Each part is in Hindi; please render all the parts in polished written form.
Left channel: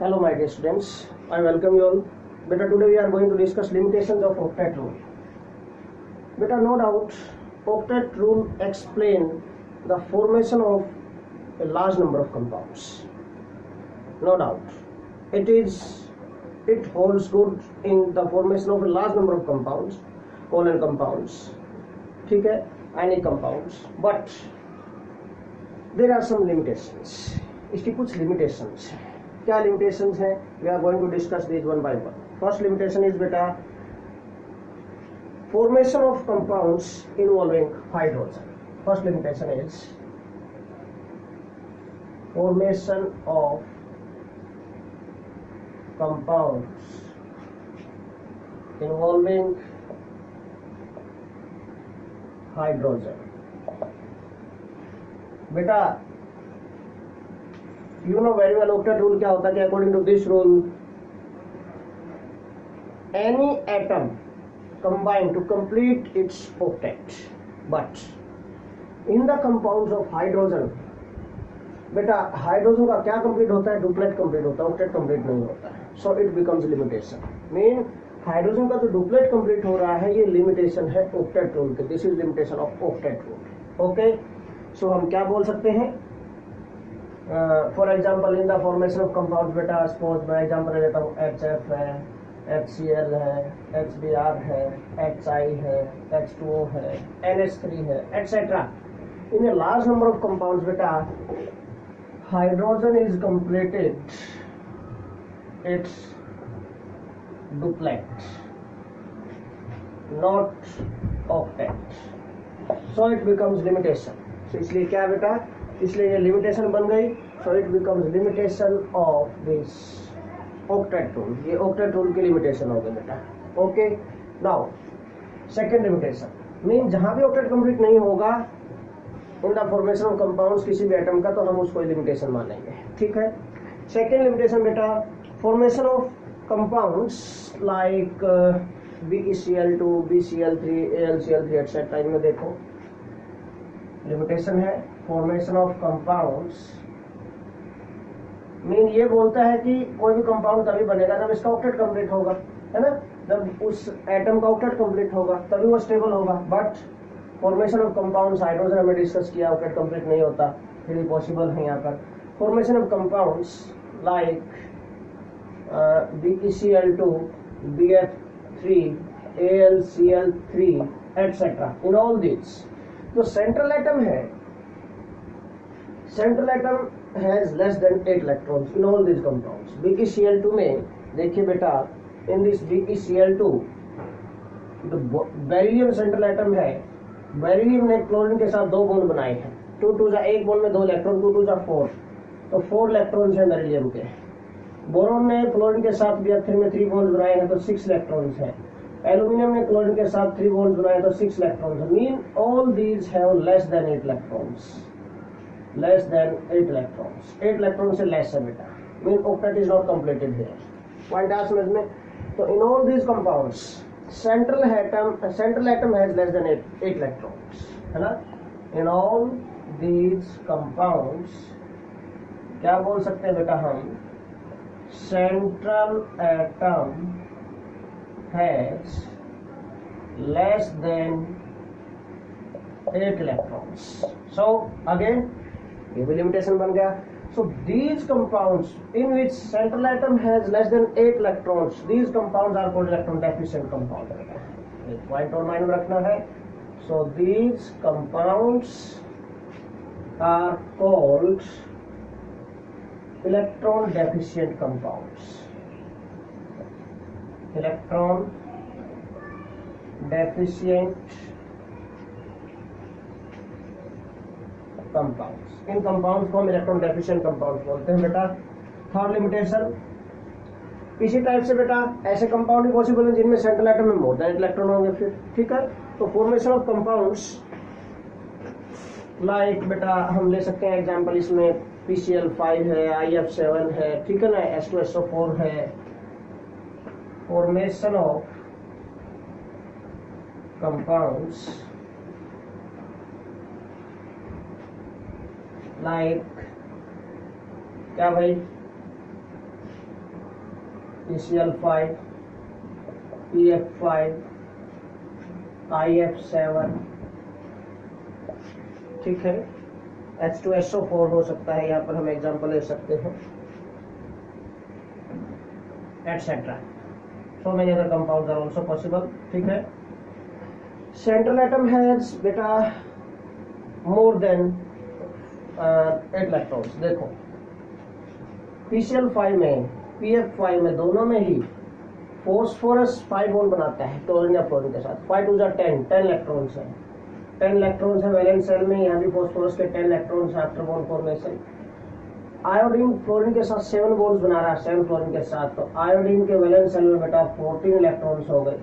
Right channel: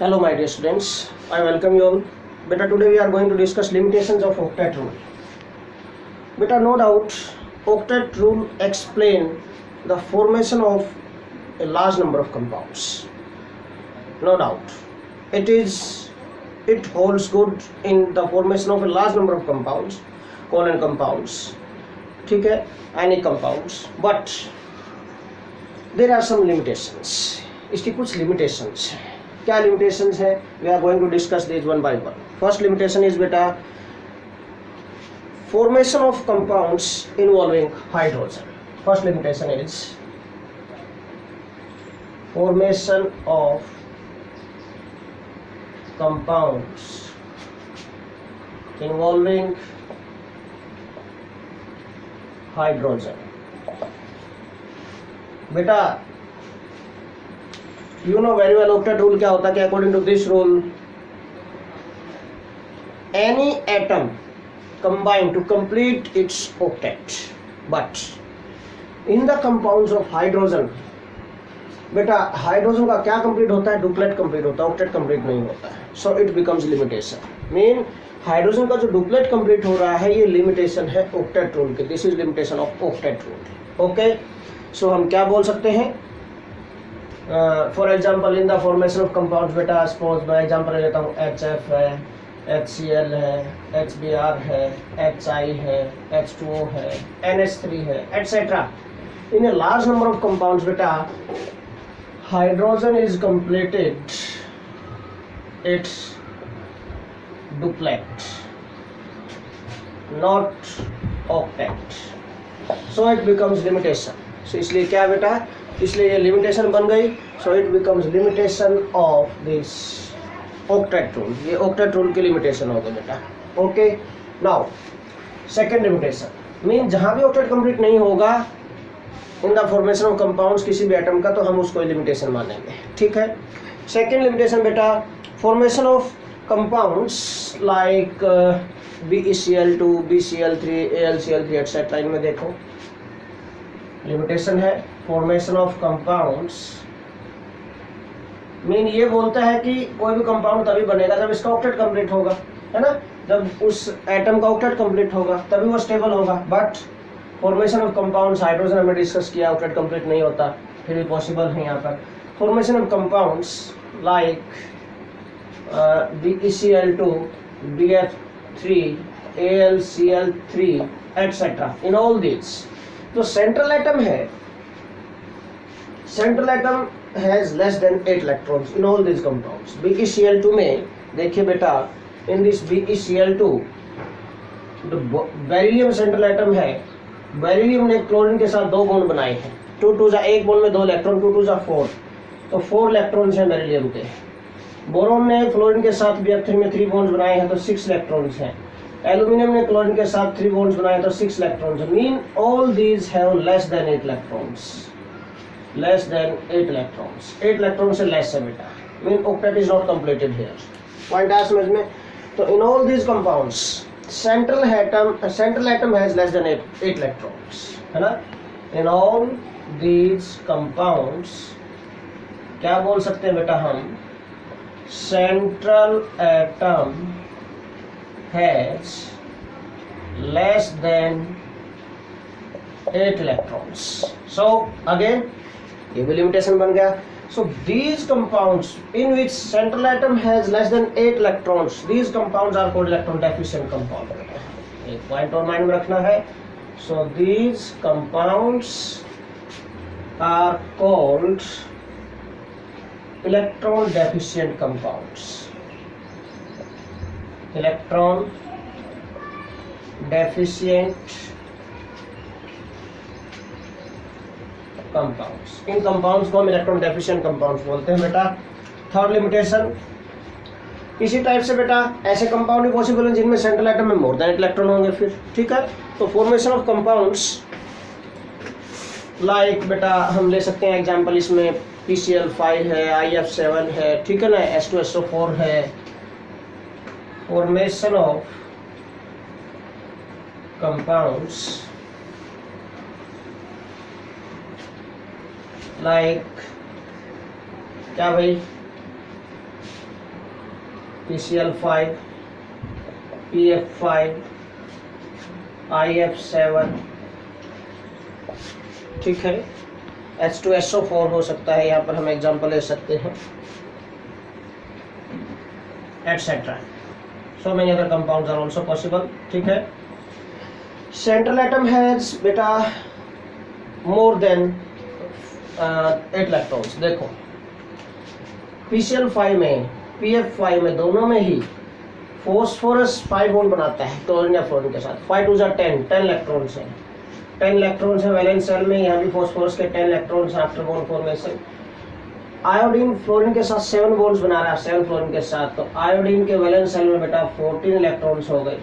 Hello my dear students, I welcome you all. Beta, today we are going to discuss limitations of octet rule. Beta, no doubt octet rule explain the formation of a large number of compounds. No doubt it holds good in the formation of a large number of compounds, covalent compounds, ठीक है, ionic compounds, but there are some limitations. इसकी कुछ limitations हैं. क्या limitations है? We are going to discuss these one by one. First limitation is beta formation of compounds involving hydrogen. First limitation is formation of compounds involving hydrogen. बेटा you know very well octet rule क्या होता है कि according to this rule any atom combine to complete its octet, but in the compounds of hydrogen बेटा हाइड्रोजन का क्या कंप्लीट होता है? डुप्लेट कंप्लीट होता है, ऑक्टेट कंप्लीट नहीं होता है. So it becomes limitation. Mean hydrogen का जो डुप्लेट कंप्लीट हो रहा है ये लिमिटेशन है ऑक्टेट रूल के. This is limitation of octet rule. Okay, so हम क्या बोल सकते हैं? For example in the formation of compounds बेटा सपोज मैं एग्जाम्पल लेता हूँ HF है, HCl है, HBr है, HI है, H2O है, NH3 है, etc. In a large number of compounds beta hydrogen is completed its duplet, not octet, so it becomes limitation. So इसलिए क्या बेटा, इसलिए ये limitation बन गई. So it becomes limitation of this octet rule. ये octet rule की limitation हो गई बेटा. Okay, now second limitation mean जहाँ भी octet complete नहीं होगा इन द फॉर्मेशन ऑफ कंपाउंड्स किसी भी एटम का तो हम उसको लिमिटेशन मानेंगे. ठीक है. सेकेंड लिमिटेशन बेटा formation of compounds like BeCl2, BCl3, AlCl3 etcetera. इनमें देखो लिमिटेशन है फॉर्मेशन ऑफ कंपाउंड्स. मीन ये बोलता है कि कोई भी कंपाउंड तभी बनेगा जब इसका ऑक्टेट कंप्लीट होगा, है ना. जब उस एटम का ऑक्टेट कंप्लीट होगा तभी वो स्टेबल होगा. But formation of compounds hydrogen हमने डिस्कस किया, ऑक्टेट कंप्लीट नहीं होता, फिर भी पॉसिबल है यहाँ पर. Formation of compounds like BeCl2, BF3, AlCl3 etcetera. In all this जो सेंट्रल एटम है, central atom has less than 8 electrons in all this compounds. BeCl2 में देखिए बेटा इन दिस BeCl2 जो बेरिलियम सेंट्रल एटम है, बेरिलियम ने क्लोरीन के साथ दो बॉन्ड बनाए हैं. 2 2 एक बॉन्ड में 2 इलेक्ट्रॉन, 2 2 4, तो 4 इलेक्ट्रॉन्स हैं बेरिलियम के. बोरॉन ने फ्लोरीन के साथ BF3 में 3 बॉन्ड्स बनाए हैं तो 6 इलेक्ट्रॉन्स हैं. एल्यूमिनियम ने क्लोरीन के साथ 3 बॉन्ड्स बनाए हैं तो 6 electrons. Mean all these have less than 8 electrons, less than 8 electrons. 8 electron से लेस है बेटा. Mean octet is not completed here. Point है समझ में? तो इन all these compounds central atom has less than 8 electrons, है ना. in all these compounds क्या बोल सकते हैं बेटा हम? central atom has less than 8 electrons. so again ये भी limitation बन गया. So these compounds in which central atom has less than 8 electrons, these compounds are called electron deficient compound. एक पॉइंट और माइंड में रखना है. So these compounds are called electron deficient compounds. Electron deficient compounds. इन कंपाउंड्स को हम इलेक्ट्रॉन डेफिशिएंट कंपाउंड्स बोलते हैं बेटा. थर्ड लिमिटेशन इसी टाइप से बेटा ऐसे कंपाउंड भी पॉसिबल हैं जिनमें सेंट्रल एटम में मोर देन 8 इलेक्ट्रॉन होंगे फिर. ठीक है. तो फॉर्मेशन ऑफ कंपाउंड्स लाइक बेटा हम ले सकते हैं एग्जांपल इसमें PCl5 है, IF7 है, ठीक है ना, H2SO4 है. फॉर्मेशन ऑफ कंपाउंड्स लाइक क्या भाई PCl5, PF5, IF7, ठीक है। H2SO4 हो सकता है, यहाँ पर हम एग्जांपल ले सकते हैं, etcetera. So many other compounds are also possible, ठीक है। सेंट्रल एटम हैज बेटा मोर देन 8 इलेक्ट्रॉन्स। देखो PCl5 में, PF5 में, दोनों में ही फॉस्फोरस 5 बॉन्ड बनाता है क्लोरीन या फ्लोरीन के साथ। 5 2 10 इलेक्ट्रॉन्स हैं, 10 इलेक्ट्रॉन्स है वैलेंस शेल में। यहाँ भी फॉस्फोरस के 10 electrons after bond formation. Iodine fluorine के साथ 7 बॉन्ड्स बना रहा है, 7 फ्लोरीन के साथ, तो आयोडीन के वैलेंस शेल में बेटा 14 इलेक्ट्रॉन्स हो गए।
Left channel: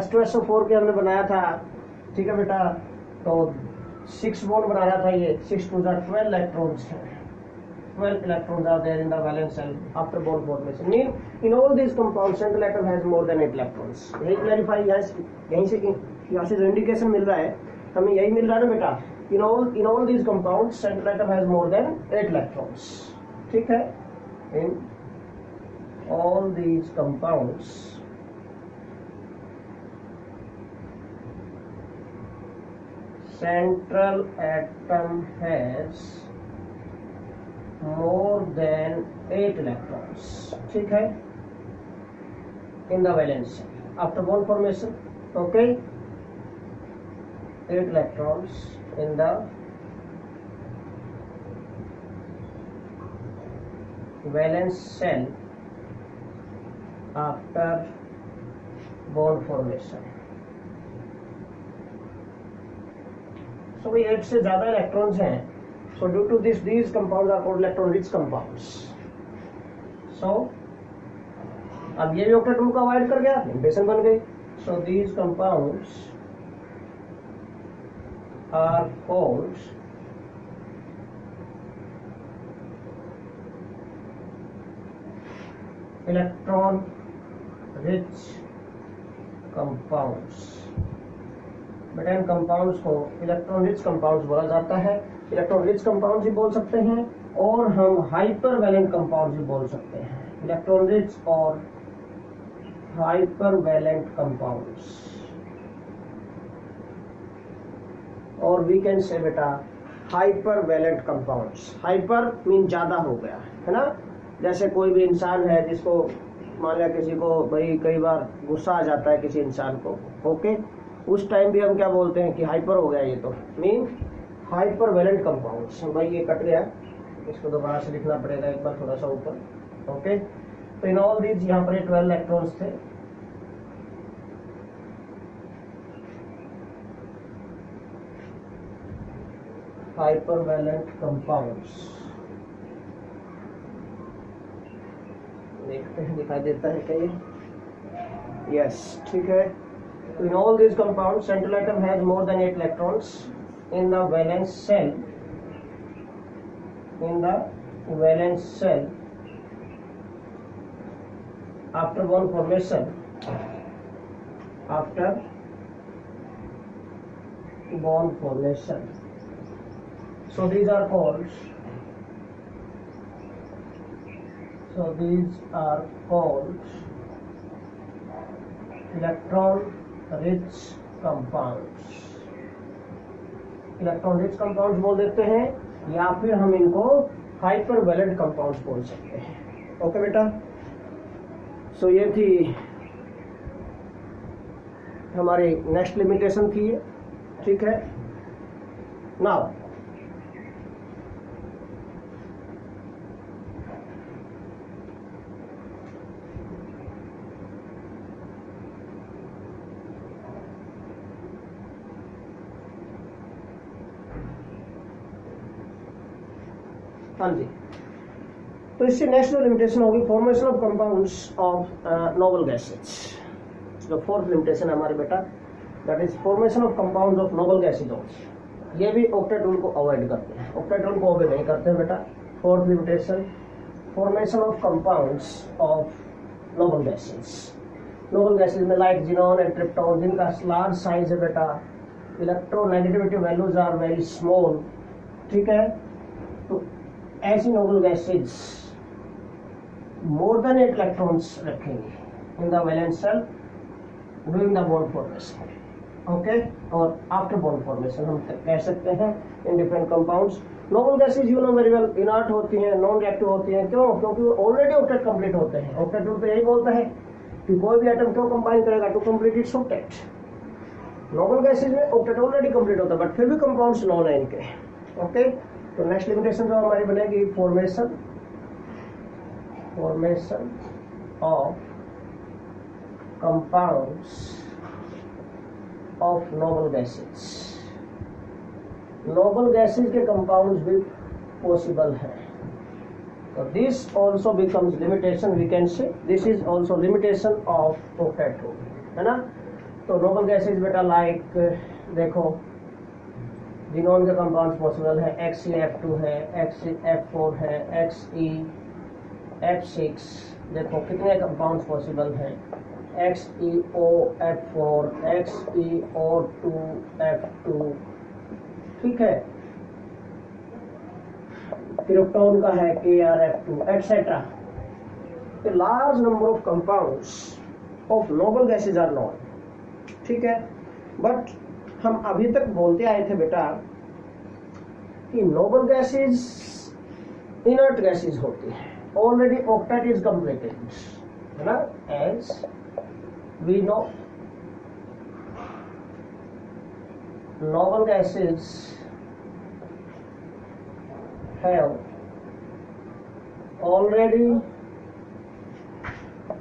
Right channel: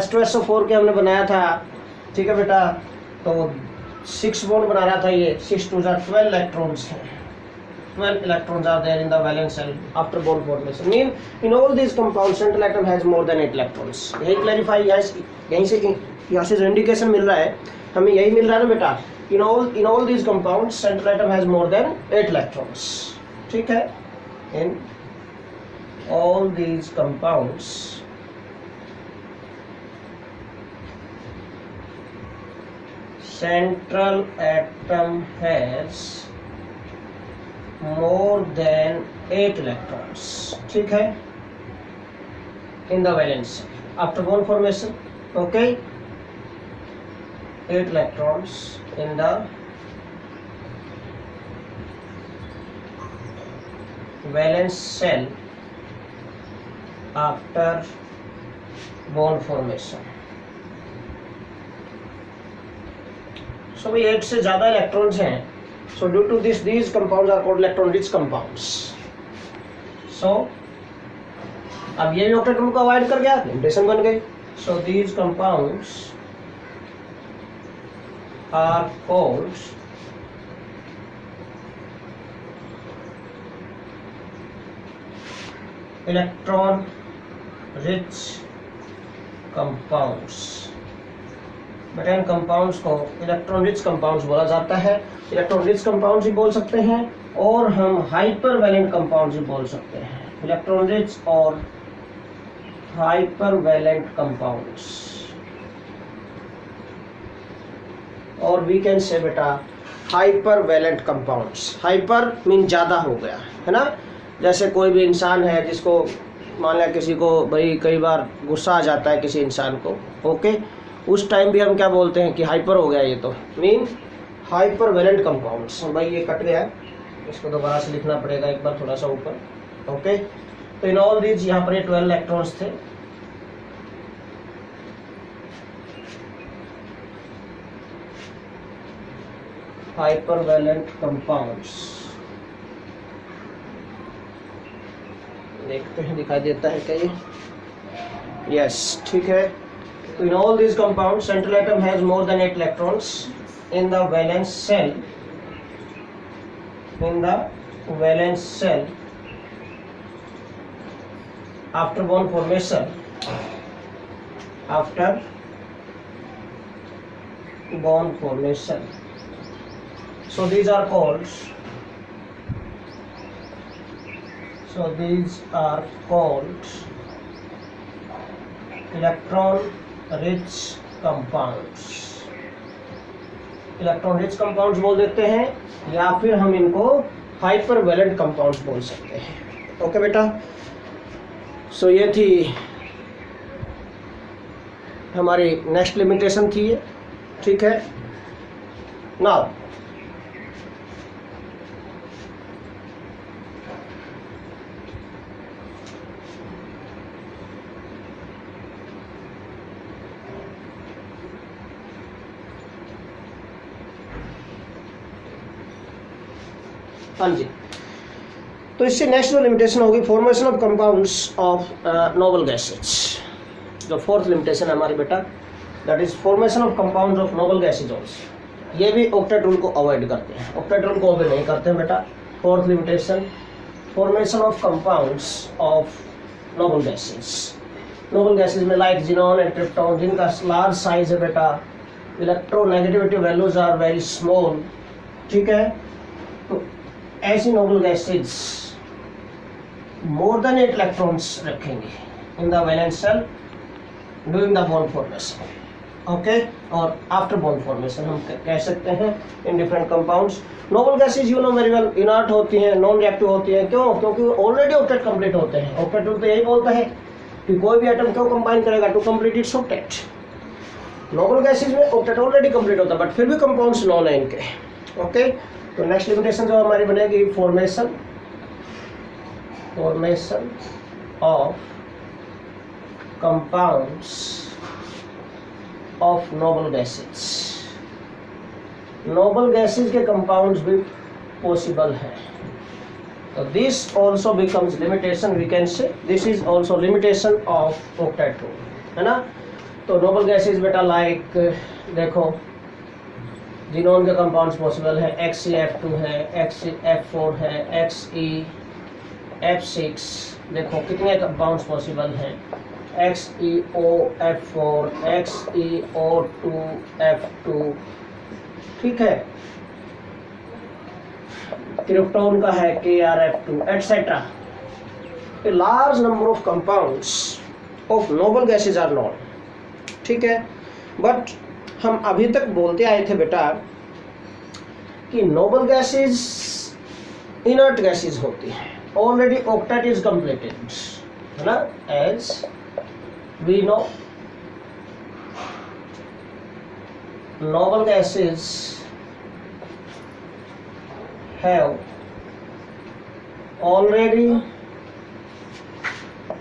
H2SO4 के हमने बनाया था, ठीक है बेटा, तो 6 बॉन्ड बना रहा था ये, 6 2 12 इलेक्ट्रॉन्स हैं। 12 electrons are there in the valence shell after bond formation. Mean in all these compounds central atom has more than 8 electrons. यही क्लैरिफाई यहीं से यहाँ से जो इंडिकेशन मिल रहा है हमें यही मिल रहा है ना बेटा। in all these compounds central atom has more than 8 electrons. ठीक है, in all these compounds central atom has more than 8 electrons, ठीक है, in the valence after bond formation. Okay, 8 electrons in the valence shell after bond formation. So भाई 8 से ज्यादा इलेक्ट्रॉन्स हैं, so due to this these compounds are called electron rich compounds. So अब ये भी ऑक्टेट रूल को अवॉइड कर गया, लिमिटेशन बन गई। so these compounds are called electron rich compounds. बेटा इन कंपाउंड्स को इलेक्ट्रॉन रिच कंपाउंड्स बोला जाता है। इलेक्ट्रॉन रिच कंपाउंड्स भी बोल सकते हैं और हम हाइपर वैलेंट कंपाउंड्स भी बोल सकते हैं। इलेक्ट्रॉन रिच और हाइपर वैलेंट कंपाउंड्स, और वी कैन से बेटा hypervalent compounds. Hyper mean ज्यादा हो गया है ना, जैसे कोई भी इंसान है जिसको मान लिया किसी को भाई कई बार गुस्सा आ जाता है किसी इंसान को, ओके, उस टाइम भी हम क्या बोलते हैं कि हाइपर हो गया ये, तो मीन हाइपर वैलेंट कंपाउंड्स। भाई ये कट गया, इसको दोबारा से लिखना पड़ेगा एक बार थोड़ा सा ऊपर, ओके। तो इन ऑल दीज यहाँ पर 12 इलेक्ट्रॉन्स थे। हाइपर वैलेंट कंपाउंड्स देखते हैं, दिखाई देता है क्या ये? यस, ठीक है। So in all these compounds, central atom has more than 8 electrons in the valence shell. In the valence shell, after bond formation, after bond formation. So these are called. So these are called electron rich compounds. Electron rich compounds बोल देते हैं या फिर हम इनको हाइपर वैलेंट कंपाउंड्स बोल सकते हैं। ओके बेटा, सो ये थी हमारी नेक्स्ट लिमिटेशन थी ये, ठीक है। नाउ हाँ जी, तो इससे नेक्स्ट लिमिटेशन होगी formation of compounds of noble gases. जो फोर्थ लिमिटेशन है हमारी बेटा, that is formation of compounds of noble gases. ये भी ऑक्टेट रूल को अवॉइड करते हैं, ऑक्टेट रूल को अवॉइड नहीं करते हैं बेटा। Fourth limitation, formation of compounds of noble gases. Noble gases में लाइक जिनॉन एंड ट्रिप्टोन, जिनका लार्ज साइज है बेटा, electronegativity values are very small, ठीक है। तो ऐसी noble gases more than 8 electrons रखेंगे in the valence shell during the bond formation, okay, और आफ्टर बॉन्ड फॉर्मेशन हम कह सकते हैं in different compounds. Noble gases you know very well inert होती हैं, नॉन रिएक्टिव होती हैं, क्यों? क्योंकि ऑलरेडी ऑक्टेट कंप्लीट होते हैं। ऑक्टेट रूल तो यही बोलता है कि कोई भी एटम क्यों कंबाइन करेगा to complete its octet. Noble gases में ऑक्टेट ऑलरेडी कंप्लीट होता है बट फिर भी कंपाउंड्स नॉन है इनके, ओके। तो नेक्स्ट लिमिटेशन जो हमारी बनेगी formation of compounds of noble gases. Noble gases के कंपाउंड्स भी पॉसिबल है, तो this also becomes limitation, we can say this is also limitation of octet rule, है ना। तो नोबल गैसेज बेटा लाइक देखो जिनोन के कंपाउंड्स पॉसिबल है, XeF2 है, XeF4 है, XeF6, देखो कितने कंपाउंड्स पॉसिबल हैं, XeOF4, XeO2F2, ठीक है। क्रिप्टॉन का है KrF2 etcetera. A large number of compounds of noble gases are known, ठीक है। बट हम अभी तक बोलते आए थे बेटा कि नोबल गैसेज इनर्ट गैसेज होती हैं, ऑलरेडी ऑक्टेट इज कंप्लीटेड, है ना। As we know noble gases have already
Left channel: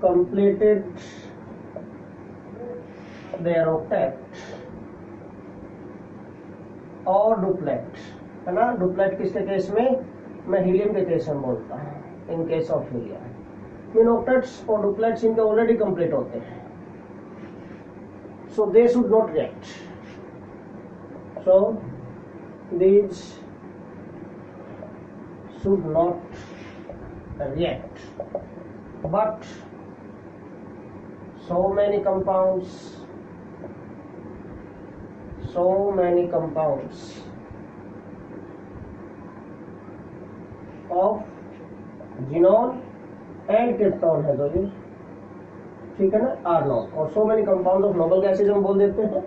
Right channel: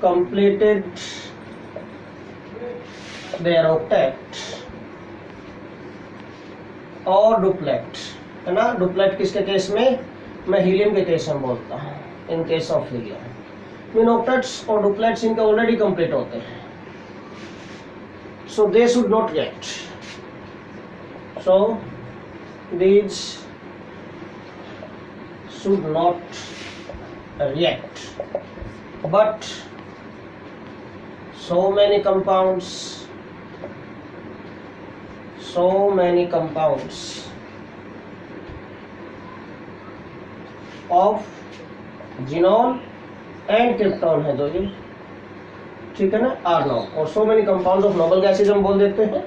completed their octet और डुप्लेट, है ना। डुप्लेट किसके केस में? मैं हीलियम के केस में बोलता हूँ, in case of helium. Mean octets और डुप्लेट्स इनके ऑलरेडी कंप्लीट होते हैं, so they should not get, so these should not react, but so many compounds of xenon and krypton है जो ये, ठीक है ना, आर known, और so many compounds of noble gases हम बोल देते हैं,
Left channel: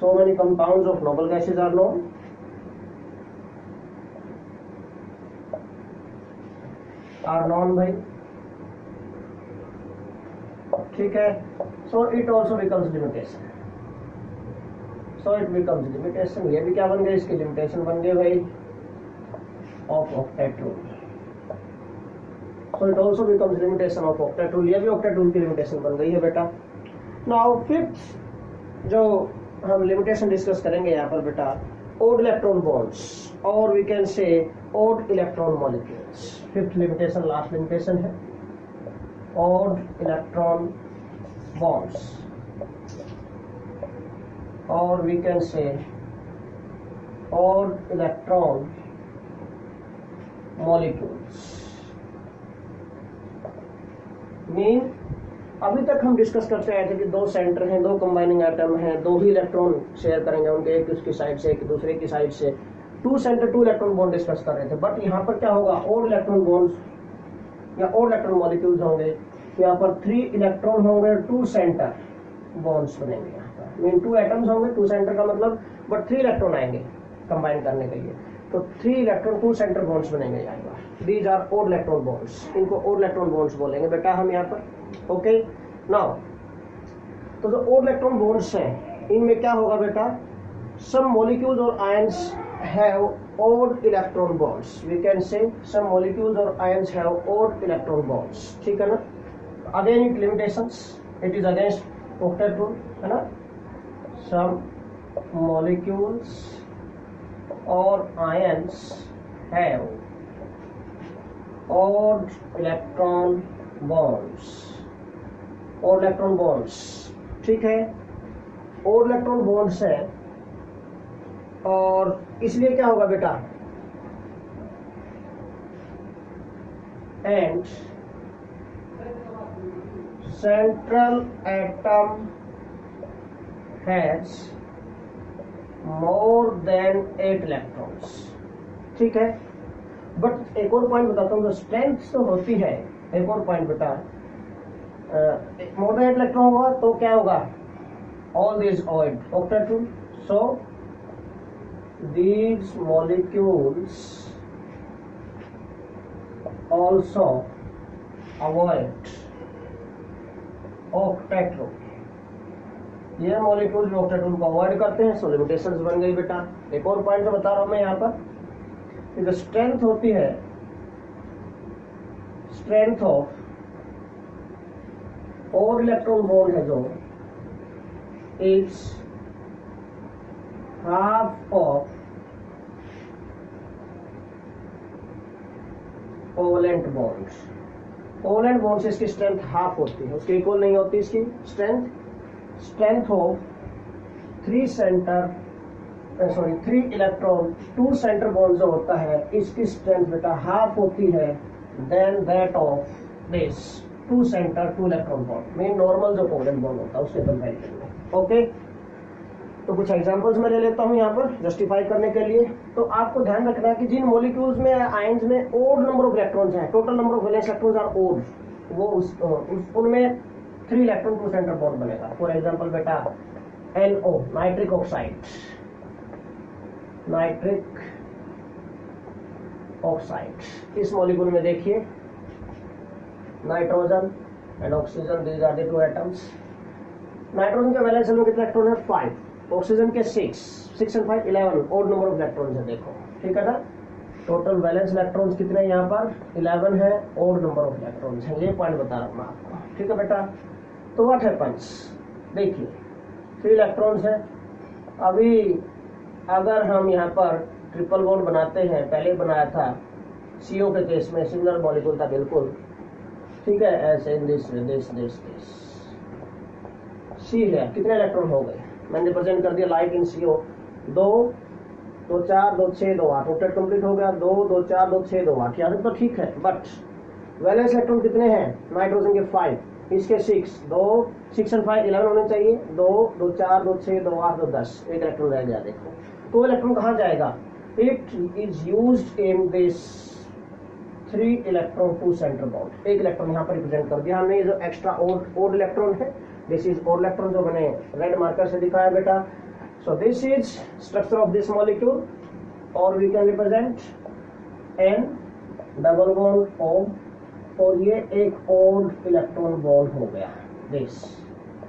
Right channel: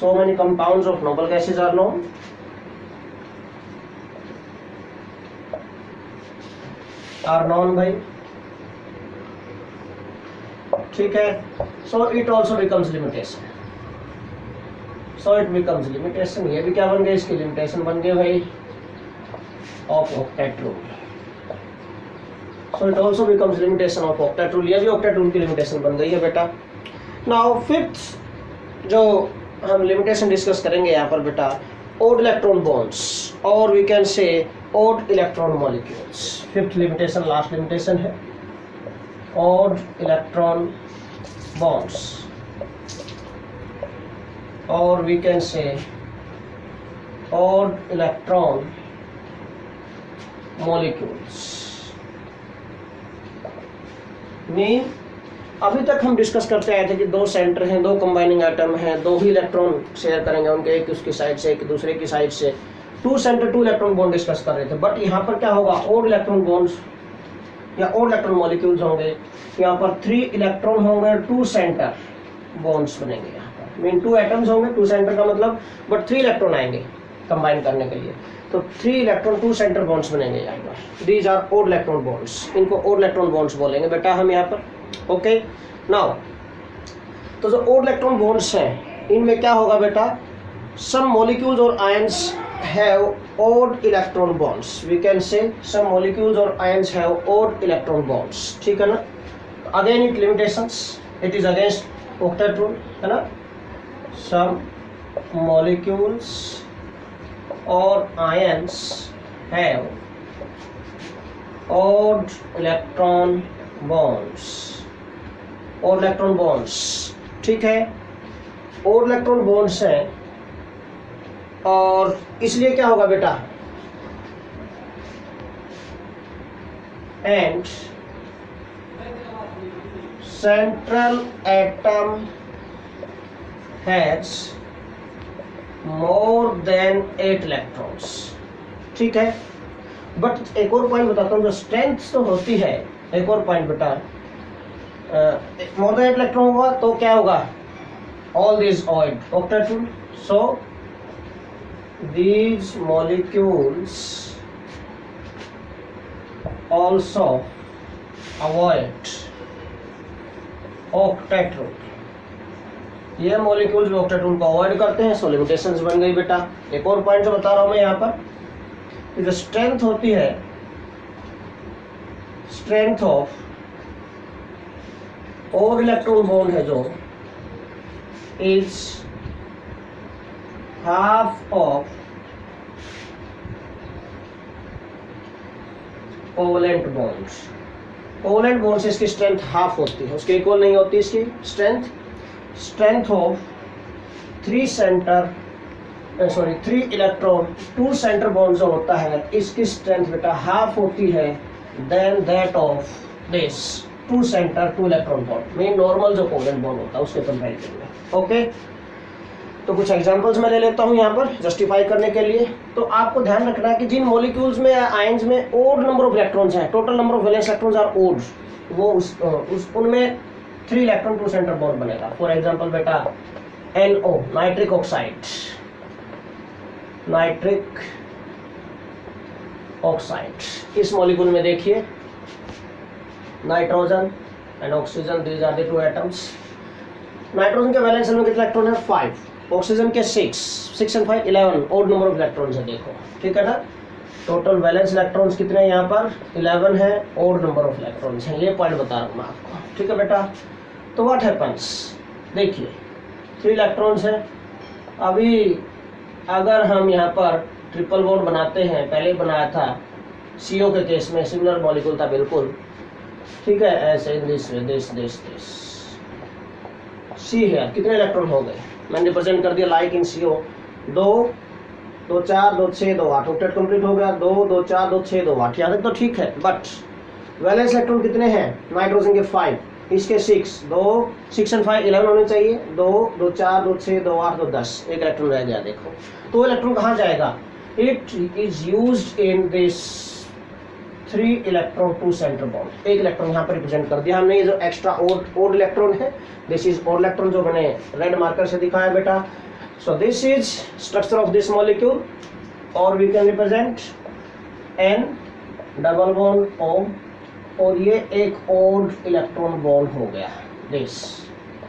so many compounds of noble gases are known, भाई, ठीक है। so it also becomes limitation, ये भी क्या बन गए? इसकी लिमिटेशन बन गए भाई of octet rule. so it also becomes limitation of octet rule, ये भी ऑक्टेट रूल की लिमिटेशन बन गई है बेटा। नाउ फिफ्थ जो हम लिमिटेशन डिस्कस करेंगे यहाँ पर बेटा, ओड इलेक्ट्रॉन बॉन्ड्स और we can say odd electron molecules. Fifth limitation last limitation है, ओड इलेक्ट्रॉन बॉन्ड्स और we can say odd electron molecules. Mean अभी तक हम डिस्कस करते आए थे कि दो सेंटर हैं, दो कंबाइनिंग एटम हैं, दो ही इलेक्ट्रॉन शेयर करेंगे उनके, एक उसकी साइड से एक दूसरे की साइड से, two centre two electron bond discuss कर रहे थे। बट यहाँ पर क्या होगा? ओड इलेक्ट्रॉन बॉन्ड्स या ओड इलेक्ट्रॉन मॉलिक्यूल्स होंगे। यहाँ पर 3 इलेक्ट्रॉन होंगे, 2 सेंटर बॉन्ड्स बनेंगे। यहाँ पर मीन 2 एटम्स होंगे, 2 सेंटर का मतलब, बट 3 इलेक्ट्रॉन आएंगे कंबाइन करने के लिए, तो 3 इलेक्ट्रॉन 2 सेंटर बॉन्ड्स बनेंगे यहाँ पर। These are odd electron bonds, इनको ओड इलेक्ट्रॉन बॉन्ड्स बोलेंगे बेटा हम यहाँ पर, ओके। नाउ तो जो ओड इलेक्ट्रॉन बॉन्ड्स हैं इनमें क्या होगा बेटा? सम मॉलिक्यूल्स और ions have odd electron bonds, we can say some molecules or ions have odd electron bonds, ठीक है ना। Again it limitations, it is against octet rule, है ना। some molecules or ions have odd electron bonds, odd electron bonds, ठीक है। odd electron bonds है और इसलिए क्या होगा बेटा? And central atom has more than 8 electrons, ठीक है। बट एक और पॉइंट बताता हूँ, जो स्ट्रेंथ तो होती है, एक और पॉइंट बेटा, मोर देन 8 इलेक्ट्रॉन होगा तो क्या होगा, all this octet, so these molecules also avoid octet rule. ये मॉलिक्यूल्स ऑक्टेट रूल को अवॉइड करते हैं, सो लिमिटेशंस बन गई बेटा। एक और पॉइंट जो बता रहा हूं मैं यहाँ पर, कि जो स्ट्रेंथ होती है, strength of odd electron bond है जो, is half of covalent bonds. Covalent bonds इसकी स्ट्रेंथ हाफ होती है, उसके इक्वल नहीं होती इसकी strength. Strength of 3 electron 2 centre bond जो होता है, इसकी स्ट्रेंथ बेटा हाफ होती है than that of this 2 centre 2 electron bond, mean normal जो कोवेलेंट बॉन्ड होता है उसके कंपैरिजन में। ओके, तो कुछ एग्जांपल्स मैं ले लेता हूं यहाँ पर जस्टिफाई करने के लिए। तो आपको ध्यान रखना है कि जिन मॉलिक्यूल्स में आयंस में ओड नंबर ऑफ इलेक्ट्रॉन्स हैं, total number of valence electrons are odd, वो उनमें 3 इलेक्ट्रॉन 2 सेंटर बॉन्ड बनेगा। फॉर एग्जांपल बेटा NO, nitric oxide, nitric oxide, इस मॉलिक्यूल में देखिए nitrogen and oxygen, these are the 2 atoms. Nitrogen के वैलेंस में कितने इलेक्ट्रॉन है, 5, ऑक्सीजन के 6 and 5 11, odd number of electrons है, देखो ठीक है ना। टोटल वैलेंस इलेक्ट्रॉन्स कितने हैं यहाँ पर, 11 है, ओड नंबर ऑफ इलेक्ट्रॉन्स है, ये पॉइंट बता रहा हूँ मैं आपको, ठीक है बेटा। तो व्हाट हैपेंस, देखिए 3 इलेक्ट्रॉन्स है। अभी अगर हम यहाँ पर ट्रिपल बॉन्ड बनाते हैं, पहले बनाया था CO के केस में, सिमिलर मॉलिक्यूल था बिल्कुल, ठीक है, ऐसे दिस C है, कितने इलेक्ट्रॉन हो गए, मैंने रिप्रेजेंट कर दिया like in CO, 2 2 4 2 6 2 8, octet complete हो गया, 2 2 4 2 6 2 8, यहाँ तक तो ठीक है। बट वैलेंस इलेक्ट्रॉन कितने हैं, नाइट्रोजन के 5, इसके 6 and 5 11 होने चाहिए, 2 2 4 2 6 2 8 2 10, एक इलेक्ट्रॉन रह गया, देखो। तो इलेक्ट्रॉन कहाँ जाएगा, it is used in this 3 electron 2 centre bond, एक इलेक्ट्रॉन यहाँ पर रिप्रेजेंट कर दिया हमने। ये जो एक्स्ट्रा ओड इलेक्ट्रॉन है, दिस इज ओड इलेक्ट्रॉन, जो मैंने रेड मार्कर से दिखाया बेटा। So this is structure of this molecule, और we can represent N double bond O, और ये एक ओड इलेक्ट्रॉन बॉन्ड हो गया, दिस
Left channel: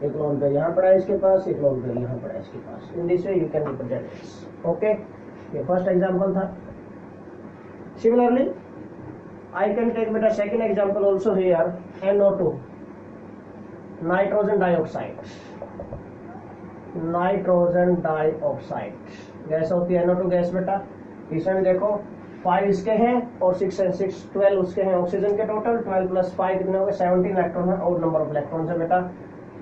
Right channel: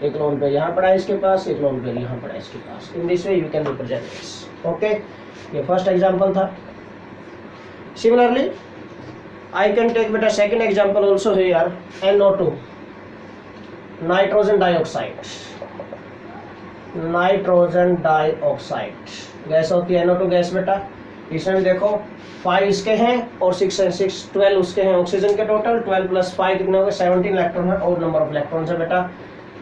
एक लोन पे यहाँ पड़ा है इसके पास, एक लोन पे यहाँ पड़ा है इसके पास, in this way you can represent this. Okay, ये फर्स्ट एग्जांपल था। Similarly I can take beta second example also here, NO2, nitrogen dioxide, nitrogen dioxide gas होती है, NO2 गैस बेटा। इसमें देखो 5 इसके हैं और 6 and 6 12 उसके हैं, ऑक्सीजन के टोटल 12 + 5 कितने हो गए, 17 इलेक्ट्रॉन है, और नंबर ऑफ इलेक्ट्रॉन्स है बेटा।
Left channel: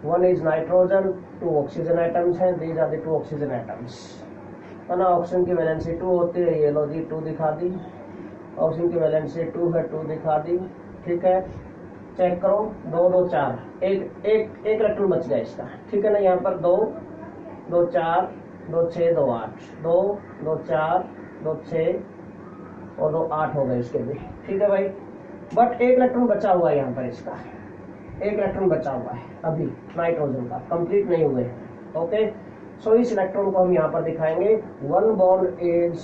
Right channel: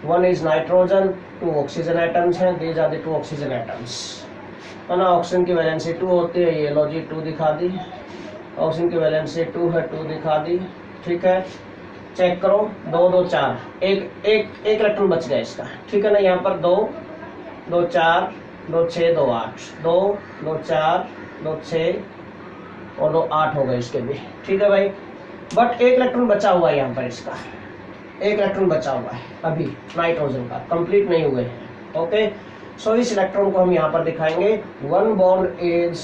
1 इज नाइट्रोजन, 2 ऑक्सीजन एटम्स हैं, these are the 2 oxygen atoms, है ना। ऑक्सीजन की वैलेंसी 2 होती है, ये लो जी 2 दिखा दी, ऑक्सीजन की वैलेंसी 2 है, 2 दिखा दी, ठीक है। चेक करो, 2 2 4, एक इलेक्ट्रॉन बच गया इसका, ठीक है ना। यहाँ पर 2 2 4 2 6 2 8, 2 2 4 2 6 और 2 8 हो गए इसके भी, ठीक है भाई। बट एक इलेक्ट्रॉन बचा हुआ है यहाँ पर, इसका एक इलेक्ट्रॉन बचा हुआ है अभी नाइट्रोजन का, कंप्लीट नहीं हुए हैं। ओके, सो इस इलेक्ट्रॉन को हम यहाँ पर दिखाएंगे 1 bond is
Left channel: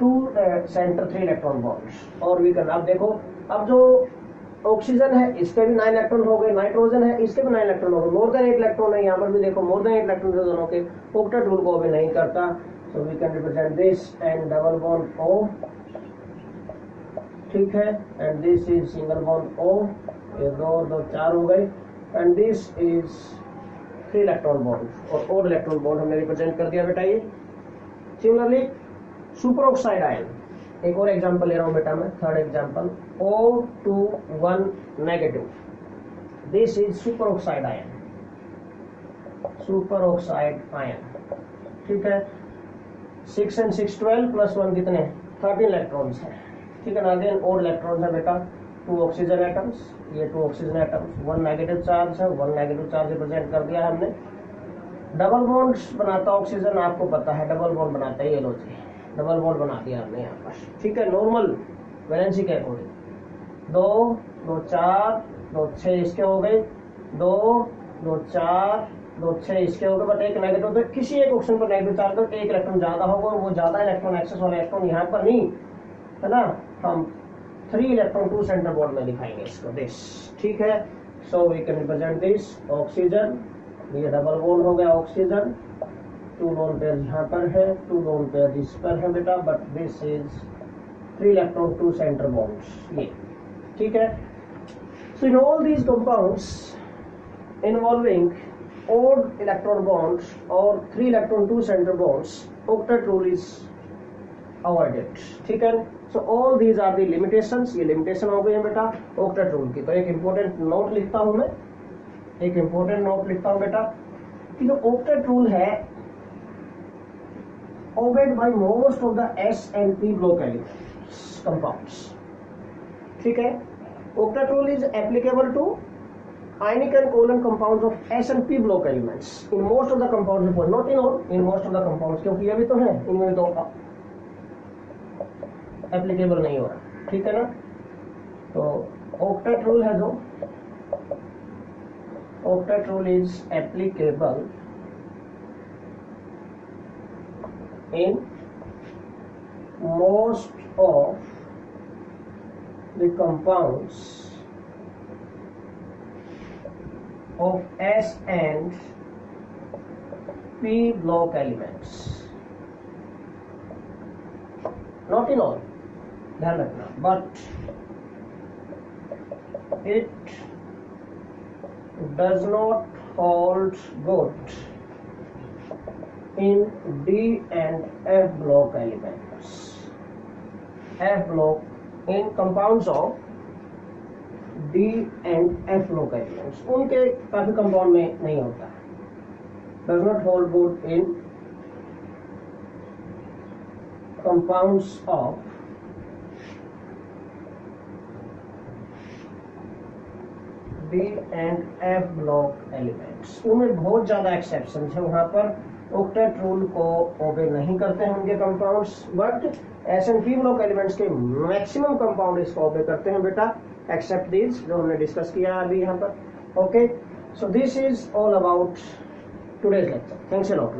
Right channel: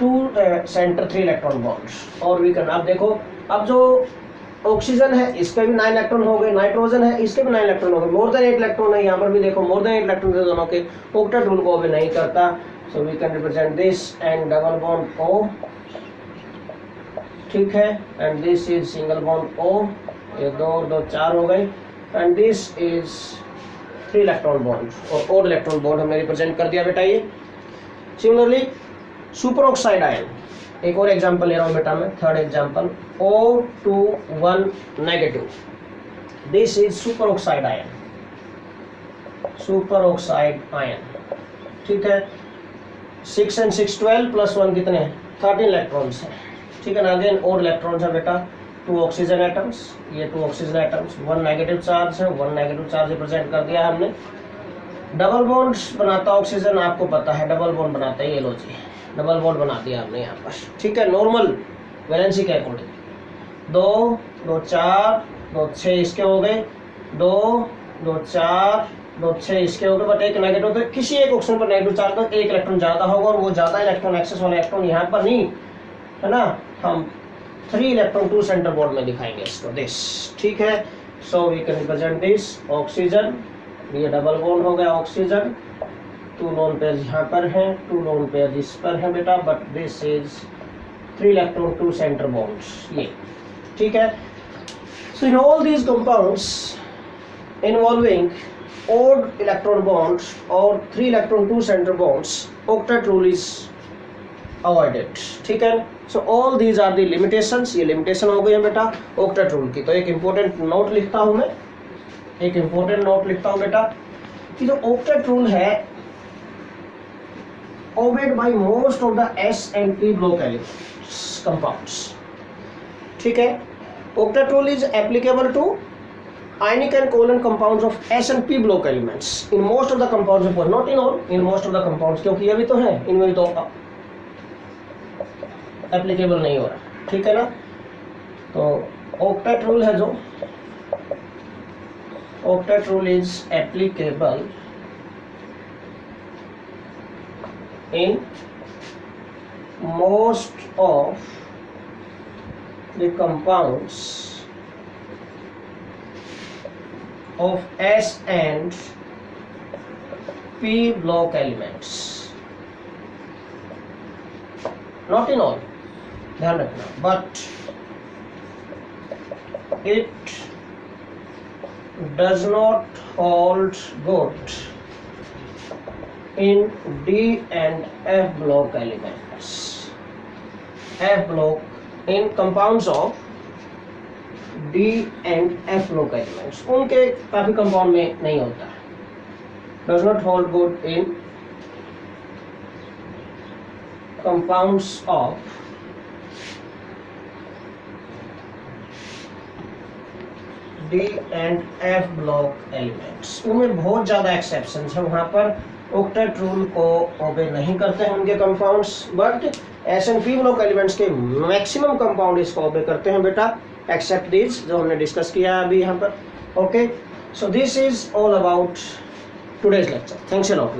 2 centre 3 electron bonds, और वी कैन, अब देखो, अब जो ऑक्सीजन है इसके भी 9 इलेक्ट्रॉन हो गए, नाइट्रोजन है इसके भी 9 इलेक्ट्रॉन हो गए, मोर देन 8 इलेक्ट्रॉन है यहाँ पर भी, देखो मोर देन 8 इलेक्ट्रॉन है दोनों के, ऑक्टेट रूल को अभी नहीं करता। So we can represent this and double bond O, ठीक है, and this is single bond O, ये 2 2 4 हो गए, and this is 3 electron bond, और ओड इलेक्ट्रॉन बॉन्ड हमने रिप्रेजेंट कर दिया बेटा ये। सिमिलरली सुपर ऑक्साइड आयन, एक और एग्जांपल ले रहा हूं बेटा मैं, third example, O21 negative, this is super oxide ion, super oxide ion, ठीक है। 6 and 6 12 + 1 कितने हैं, 13 इलेक्ट्रॉन्स हैं, ठीक है ना। अगेन ओड इलेक्ट्रॉन्स है बेटा, 2 ऑक्सीजन एटम्स, ये 2 ऑक्सीजन एटम्स, 1 नेगेटिव चार्ज है, 1 नेगेटिव चार्ज रिप्रेजेंट कर दिया हमने। डबल बॉन्ड्स बनाता ऑक्सीजन, आपको पता है डबल बॉन्ड बनाता है, ये लो जी डबल बॉन्ड बना दिया हमने यहाँ पर, ठीक है, नॉर्मल वैलेंसी के अकॉर्डिंग। 2 2 4 2 6 इसके हो गए, 2 2 4 2 6 इसके हो गए, बट एक नेगेटिव, तो किसी एक ऑप्शन पर नेगेटिव चार्ज तो एक इलेक्ट्रॉन ज़्यादा होगा, और वो ज़्यादा इलेक्ट्रॉन एक्सेस वाले इलेक्ट्रॉन यहाँ पर नहीं है ना, हम 3 इलेक्ट्रॉन 2 सेंटर बॉन्ड में दिखाएंगे इसको, दिस, ठीक है। So we can represent this oxygen, ये डबल बॉन्ड हो गया ऑक्सीजन, 2 लोन पेयर यहाँ पर हैं, 2 लोन पेयर इस पर है बेटा, but this is 3 electron 2 centre bonds, ये ठीक है। So in all these compounds involving odd electron bonds or 3 electron 2 center bonds, octet rule is avoided, ठीक है। So all these are the limitations, ये लिमिटेशन हो गई है बेटा octet rule की। तो एक इंपॉर्टेंट नोट लिखता हूं मैं, एक इंपॉर्टेंट नोट लिखता हूं बेटा कि जो octet rule है obeyed by most of the S and P block elements compounds, ठीक है। octet rule is applicable to ionic and covalent compounds of S and P block elements in most of the compounds, not in all, in most of the compounds, क्योंकि ये भी तो है, इनमें तो एप्लीकेबल नहीं हो रहा, ठीक है ना। तो octet rule है जो octet rule is applicable in most of the compounds of S and P block elements, not in all, ध्यान रखना, but it does not hold good in D and F block elements. F block in compounds of D and F block elements, उनके काफी कंपाउंड में नहीं होता, does not hold good in compounds of D and F block elements, उनमें बहुत ज्यादा एक्सेप्शंस है, वहां पर octet rule को ओबे नहीं करते हैं उनके compounds, but S and P block elements के मैक्सिमम कंपाउंड इसको ओबे करते हैं बेटा, एक्सेप्ट दिस जो हमने डिस्कस किया है अभी यहाँ पर, okay. So this is all about today's lecture, thanks a lot.